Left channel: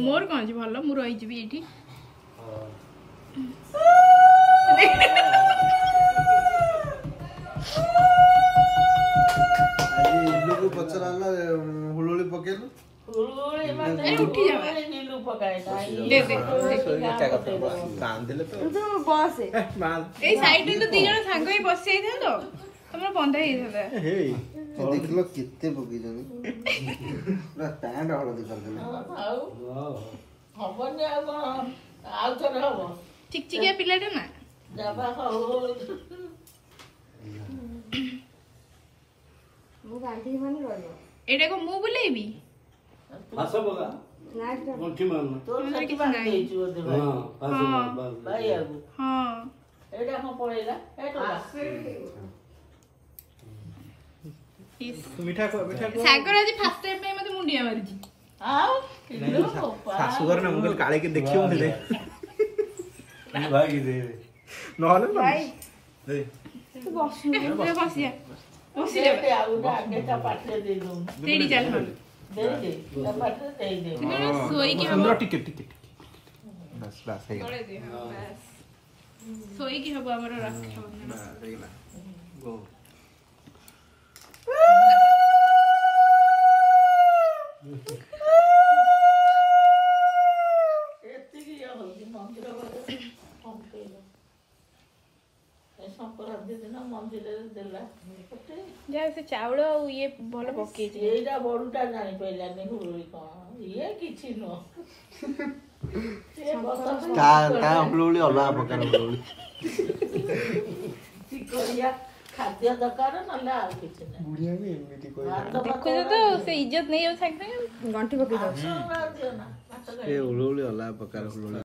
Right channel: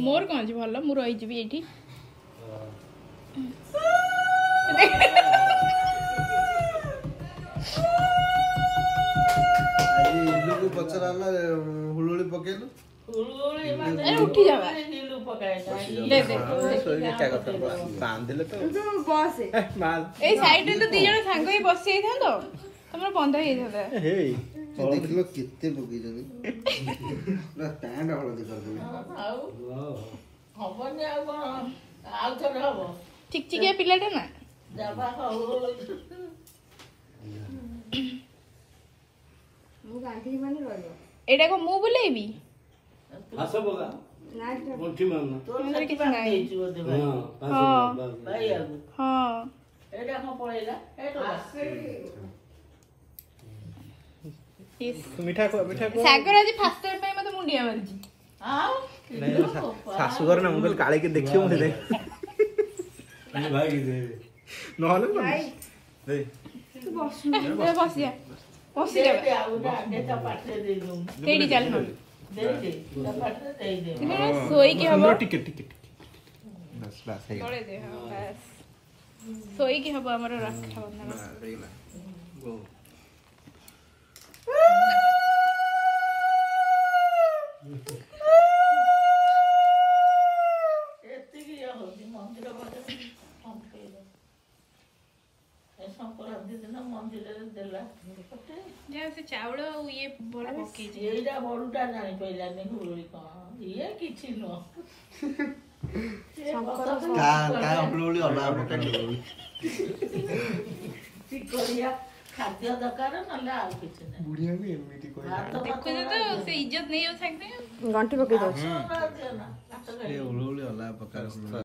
मोर कौन भल मु रही ये पचरा हुलुली पकेलु उठी जा ए साइड तो दी जण सांग ही बसई था तो हमरा बंद हे था हे देखलो कित्ते पकी जनी ना टांड हळदी कर देले हबने आ कोन आउ तो हबो ठीक ठीक है पिलाटा ना जाबा हो मु गांधी माने रहलो एटा को मु बुलेबी फासो बगा लास्ट मुठी मारना तो किछ नाही हां फासो बस भाई आगु हां एटा को पळेला एटा मीठा को सागर आज फर्स्ट टाइम में मते मुंडिया मारी छी हां सासु घर ना मुगल काळे के देखियो मुझे दे भाई की दे नहले दे तू बसु बसिया बसिया आउ ना नेता पाठे दे दू तेरी चल दे दे पाठे दे दे सोई के हम टिकट बस बस है पड़े दे बस सोई के हम हमरो रखा रेला गो जैसे चावल ये बड़ा पके एटा बडुटा जानि पहिला नै हुरुई क ये किछि न का हुलुली होला पकेलु चिकोरिया खाद्य दरकार नला आ किछि नै बुढ़िया भी एमिति कोइ देखो तो से इज्जत नहीं हो सकते गंठी पके दो ए हुलुली होला पकार